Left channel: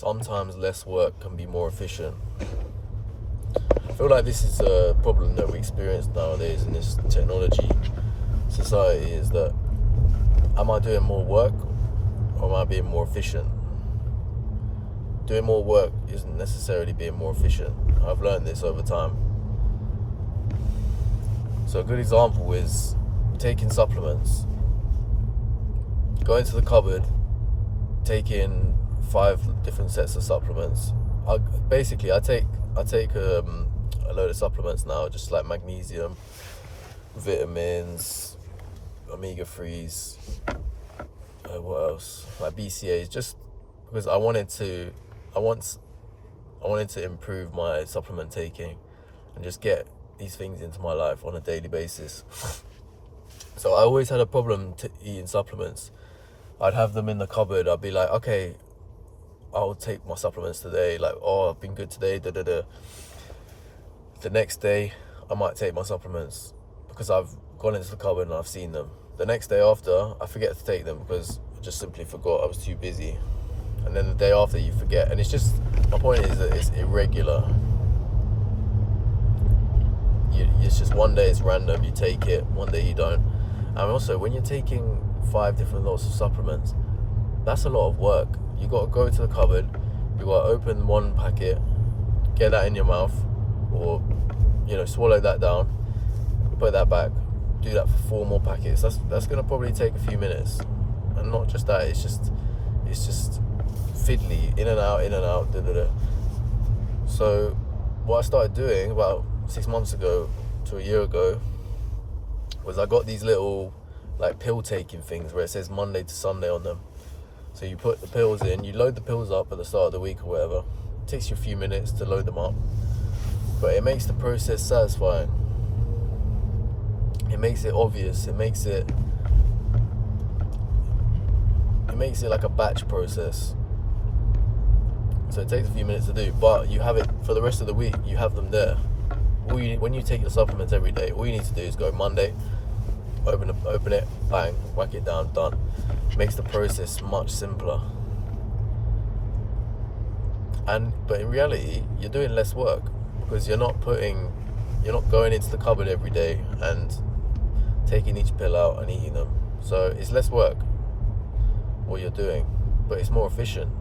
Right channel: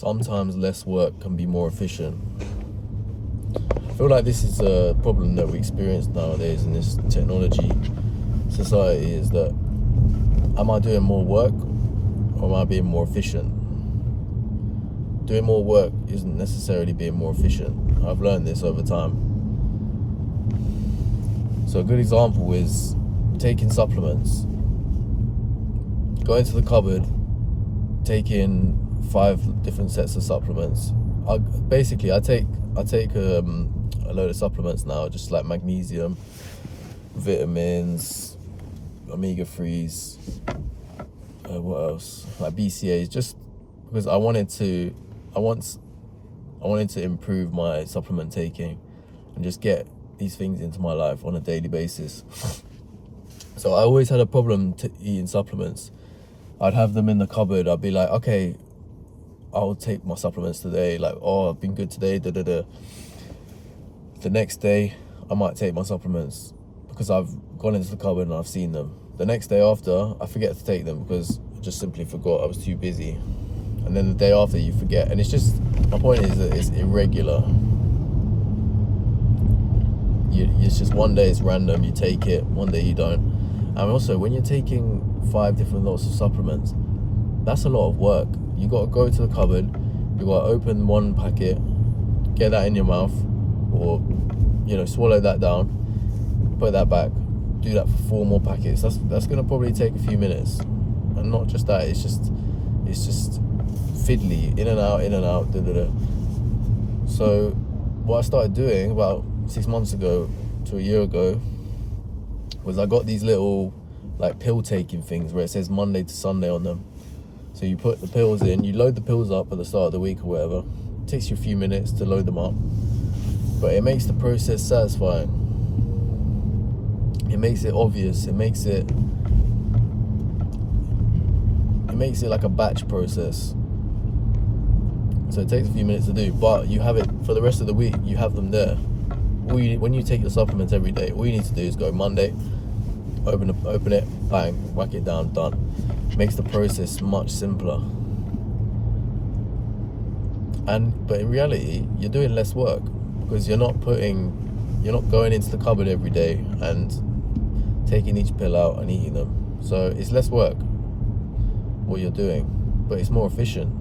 sometimes less work can be more efficient. I feel like this is a problem that we experience nowadays in this technology society, is that am I doing more work or am I being more efficient? Doing more work isn't necessarily being more efficient. I've learned this over time. So a good example is taking supplements. Going to the cupboard, taking 5 different sets of supplements. I take a load of supplements now, just like magnesium, vitamins, omega-3s, what else? Like BCAAs, just because I wanted to improve my supplement taking and just get these things into my life on a daily basis. So I always had a problem eating supplements. I'd have them in the cupboard. I'd be like, okay, I'll take my supplements today. Like, oh, I've been good today. The next day, I might take my supplements because I've gone into the cupboard and I've seen them. The next day after, I forget to take them because I just simply forgot. I was too busy. And then the day after, you forget. And it's just, my point is that it's irregular. It's just one day it's random, you take it, one day you don't. And also, when you're taking 5 different lots of supplements, that's a lot of work. You got to go to the cupboard, you got to open one packet, get that in your mouth, or swallow that down, put that back, do that for 4 more packets. That's gonna probably take a few minutes. And not just that, it's just fiddly, in and out, So what I started doing about 6 months ago to a year ago was I got these little like pill taking things where it says Monday to Sunday on them. So you put the pills in, you load the pills up at the start of the week or whatever. It takes you a few minutes to load them up, but it makes the process satisfying. It makes it obvious. It makes it like a batch process. So it takes a few minutes to do, but you have it for the rest of the week. You have them there. When you take your supplements every day, all you need to do is go Monday, open it, bang, whack it down, done. Makes the process much simpler. But in reality, you're doing less work because you're not going into the cupboard every day and taking each pill out and eating them. So it's less work what you're doing, but it's more efficient.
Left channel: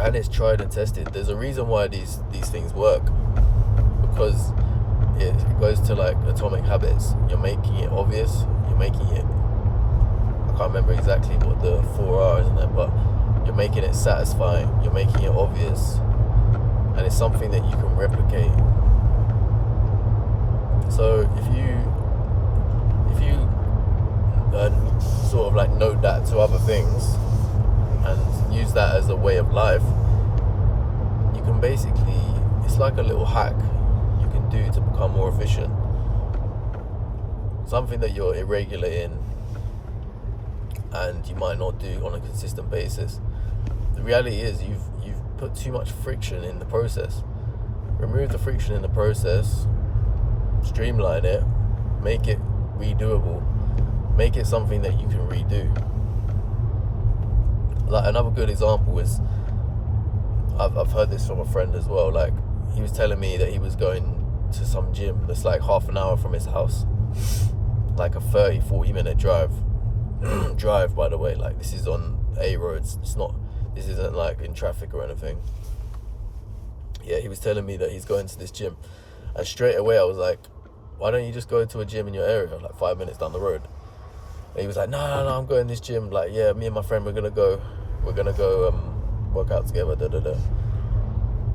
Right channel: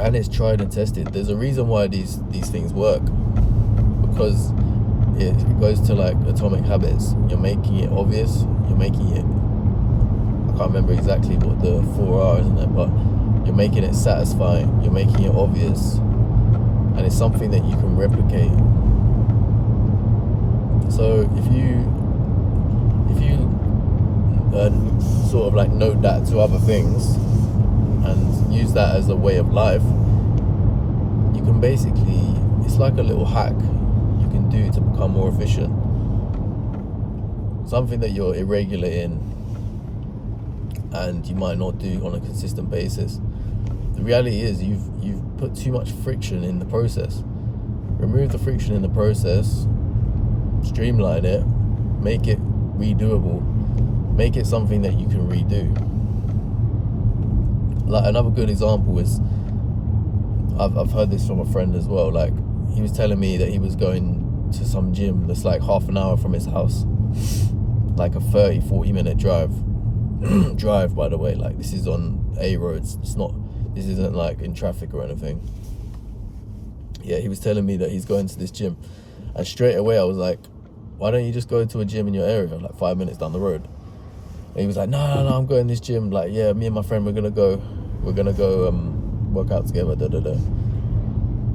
And it's tried and tested. There's a reason why these things work, because it goes to like atomic habits. You're making it obvious. I can't remember exactly what the 4 hours in it, but you're making it satisfying. You're making it obvious, and it's something that you can replicate. So if you sort of like note that to other things and use that as a way of life, you can basically, it's like a little hack you can do to become more efficient. Something that you're irregular in and you might not do on a consistent basis. The reality is you've put too much friction in the process. Remove the friction in the process, streamline it, make it redoable, make it something that you can redo. Like another good example is, I've heard this from a friend as well. Like, he was telling me that he was going to some gym that's like half an hour from his house, like a 30-40 minute drive. Drive, by the way, like this is on A roads. This isn't like in traffic or anything. Yeah, he was telling me that he's going to this gym, and straight away I was like, why don't you just go to a gym in your area, like 5 minutes down the road? And he was like, no, I'm going to this gym. Like, yeah, me and my friend, we're gonna go work out together,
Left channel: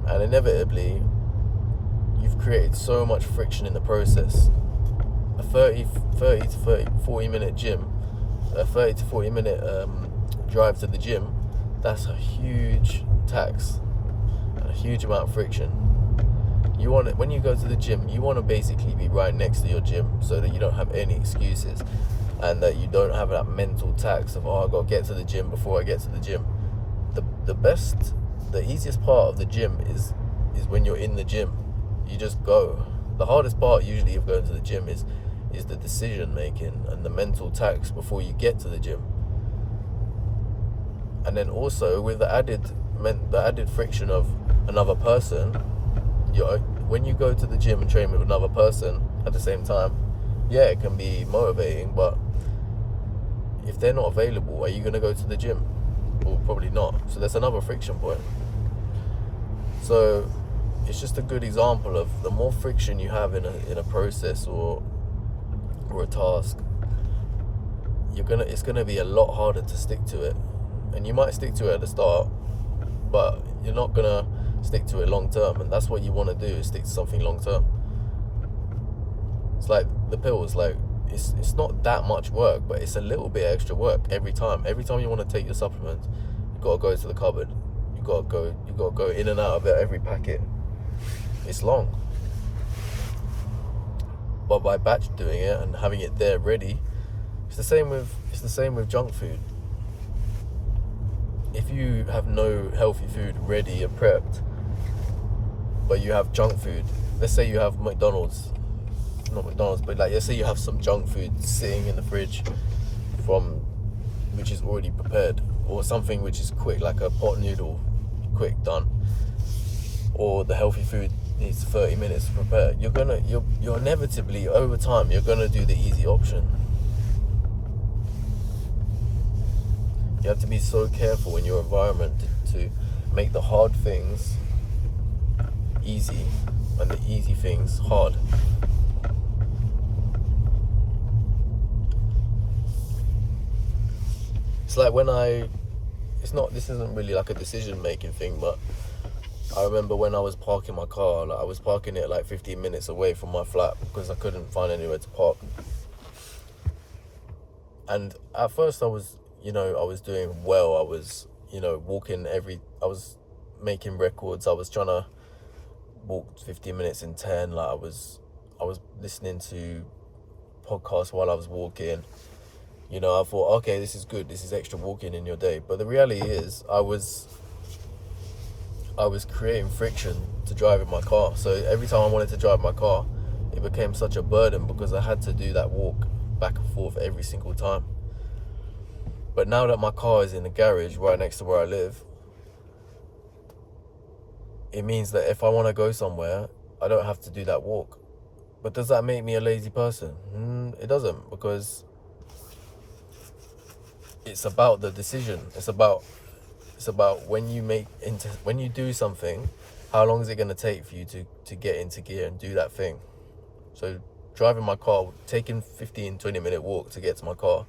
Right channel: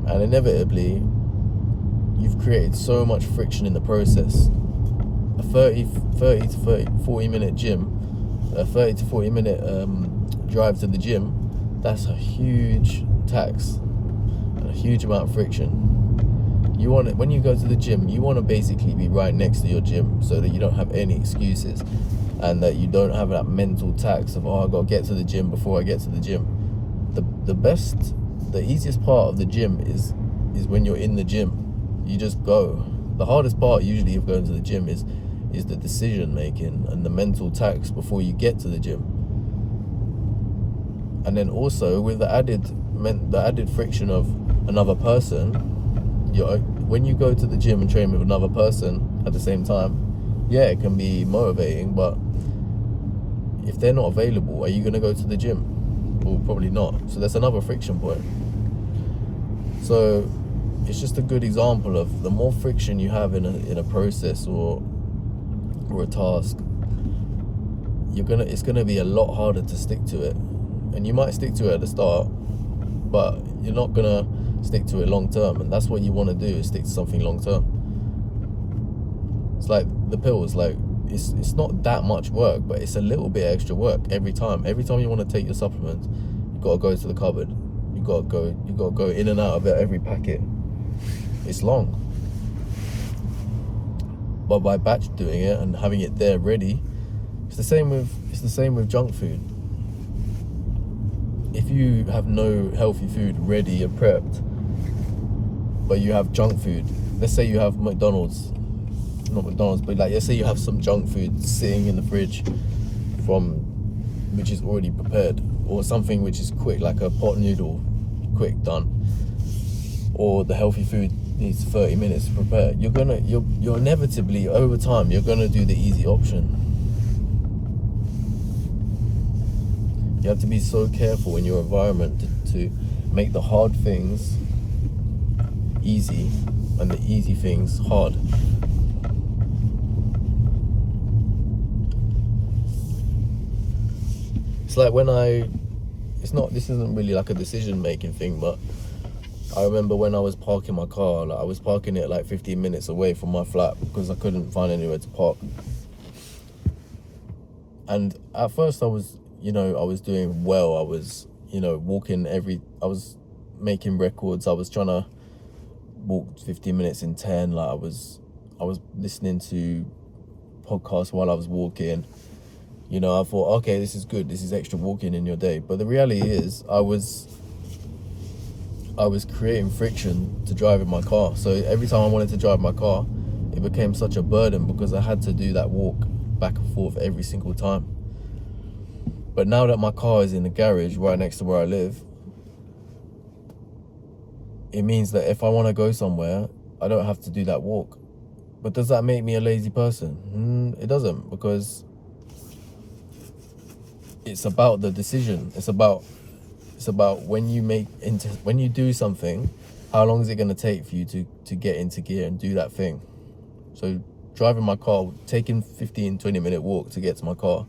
And inevitably, you've created so much friction in the process. A 40 minute gym, a 30 to 40 minute drive to the gym, that's a huge tax and a huge amount of friction. When you go to the gym, you want to basically be right next to your gym so that you don't have any excuses, and that you don't have that mental tax of, oh, I gotta get to the gym before I get to the gym. The easiest part of the gym is when you're in the gym. You just go. The hardest part usually of going to the gym is the decision making and the mental tax before you get to the gym. And then also with the added friction of another person, when you go to the gym and train with another person at the same time, yeah, it can be motivating, but if they're not available, are you going to go to the gym? Well, probably not. So that's another friction point. So it's just a good example of the more friction you have in a process or a task, it's gonna be a lot harder to stick to it. And you might stick to it at the start, but you're not gonna stick to it long term. And that's what you want to do, is stick to something long term. It's like the pills, like it's not that much work, but it's a little bit extra work every time. Every time you want to take your supplements, you gotta go to the cupboard. You gotta go in and out of it every packet. It's long. But by batch doing it and having it there ready, it's the same with junk food. If you have no healthy food ready and prepped, but you have junk food, let's say you have not McDonald's, but like let's say you have some junk food sitting in the fridge which is already prepared, or something which is quick, like a pot noodle, quick done, or the healthy food needs 30 minutes to prepare, you're inevitably over time you're gonna do the easy option. You have to be so careful in your environment to make the hard things easy and the easy things hard. It's like this isn't really like a decision making thing, but I remember when I was parking my car, like I was parking it like 15 minutes away from my flat because I couldn't find anywhere to park. And at first I was doing well. I was, walking I was making records. I was trying to walk 15 minutes in 10. Like I was listening to podcasts while I was walking. I thought, okay, this is good. This is extra walking in your day. But the reality is I was creating friction to drive in my car. So every time I wanted to drive my car, it became such a burden because I had to do that walk back and forth every single time. But now that my car is in the garage right next to where I live, it means that if I want to go somewhere, I don't have to do that walk. But does that make me a lazy person? It doesn't, because it's about the decision. It's about when you do something, how long is it going to take for you to get into gear and do that thing? So driving my car, taking 15-20 minute walk to get to my car,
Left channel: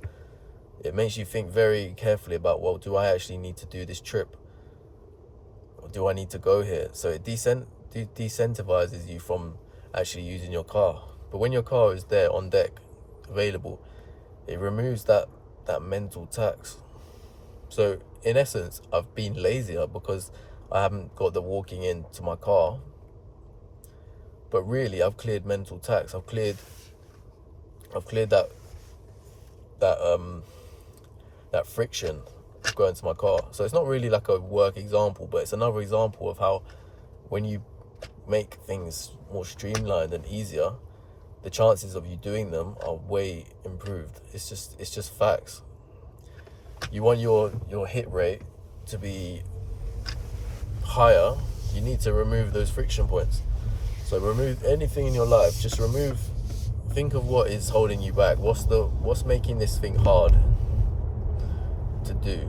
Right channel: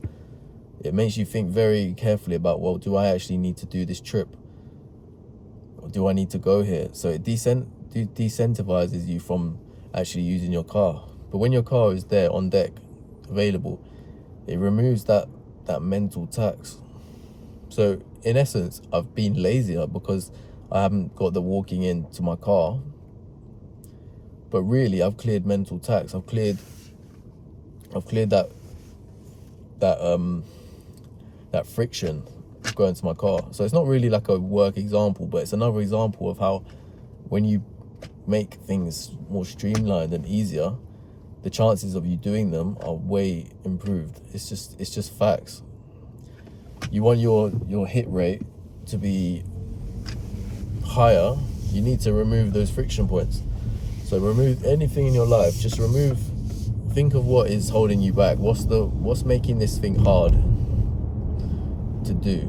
it makes you think very carefully about, well, do I actually need to do this trip? Or do I need to go here? So it decentivizes you from actually using your car. But when your car is there on deck, available, it removes that mental tax. So in essence, I've been lazier because I haven't got the walking into my car. But really, I've cleared mental tax. I've cleared that friction of going to my car. So it's not really like a work example, but it's another example of how when you make things more streamlined and easier, the chances of you doing them are way improved. It's just facts. You want your hit rate to be higher, you need to remove those friction points. So remove anything in your life. Think of what is holding you back. What's making this thing hard to do?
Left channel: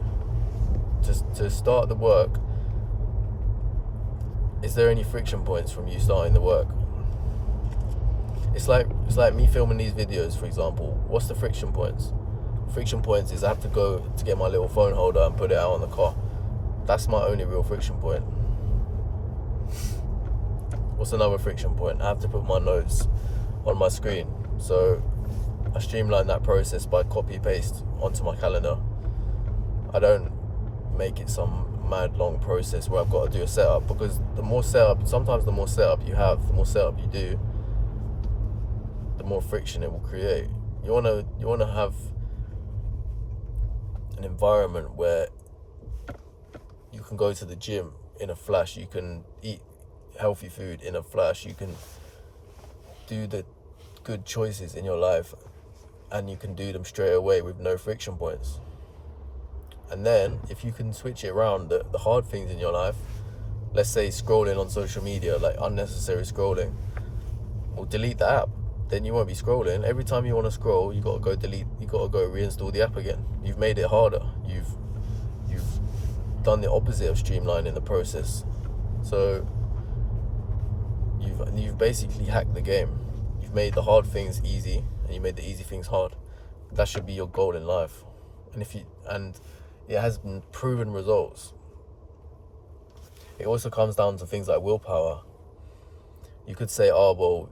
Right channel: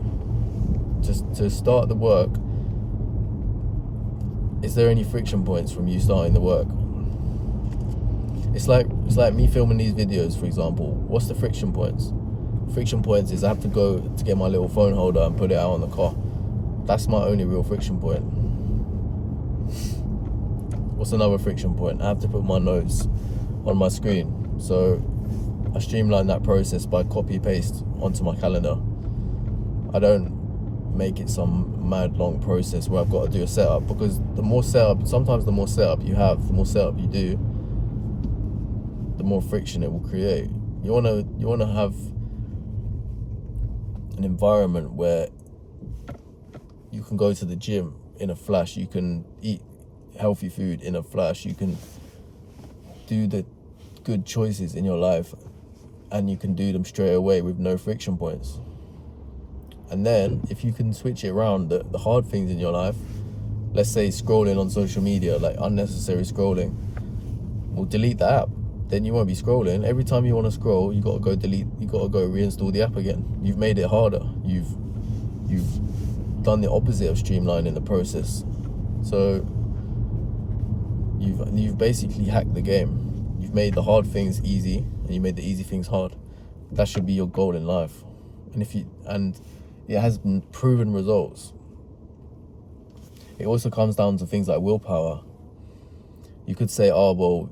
Just to start the work, is there any friction points from you starting the work? It's like me filming these videos, for example. What's the friction points? Friction points is I have to go to get my little phone holder and put it out on the car. That's my only real friction point. What's another friction point? I have to put my notes on my screen. So I streamline that process by copy paste onto my calendar. I don't make it some mad long process where I've got to do a setup, because sometimes the more setup you have, the more setup you do, the more friction it will create. You wanna have an environment where you can go to the gym in a flash, you can eat healthy food in a flash, you can do the good choices in your life, and you can do them straight away with no friction points. And then if you can switch it around, the hard things in your life, let's say scrolling on social media, like unnecessary scrolling, well, delete the app. Then you won't be scrolling. Every time you want to scroll, you gotta go reinstall the app again. You've made it harder. You've done the opposite of streamlining the process. So you've basically hacked the game. You've made the hard things easy, and you made the easy things hard. That should be your goal in life. And it has proven results. It also comes down to things like willpower. You could say, oh well,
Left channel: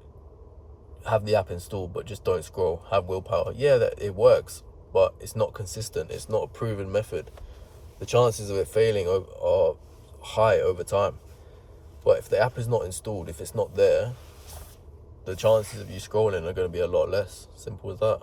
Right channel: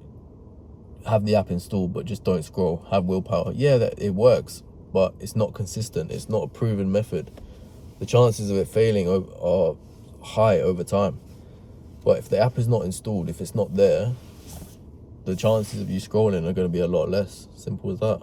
have the app installed but just don't scroll. Have willpower. Yeah, that it works, but it's not consistent. It's not a proven method. The chances of it failing are high over time. But if the app is not installed, if it's not there, the chances of you scrolling are going to be a lot less. Simple as that.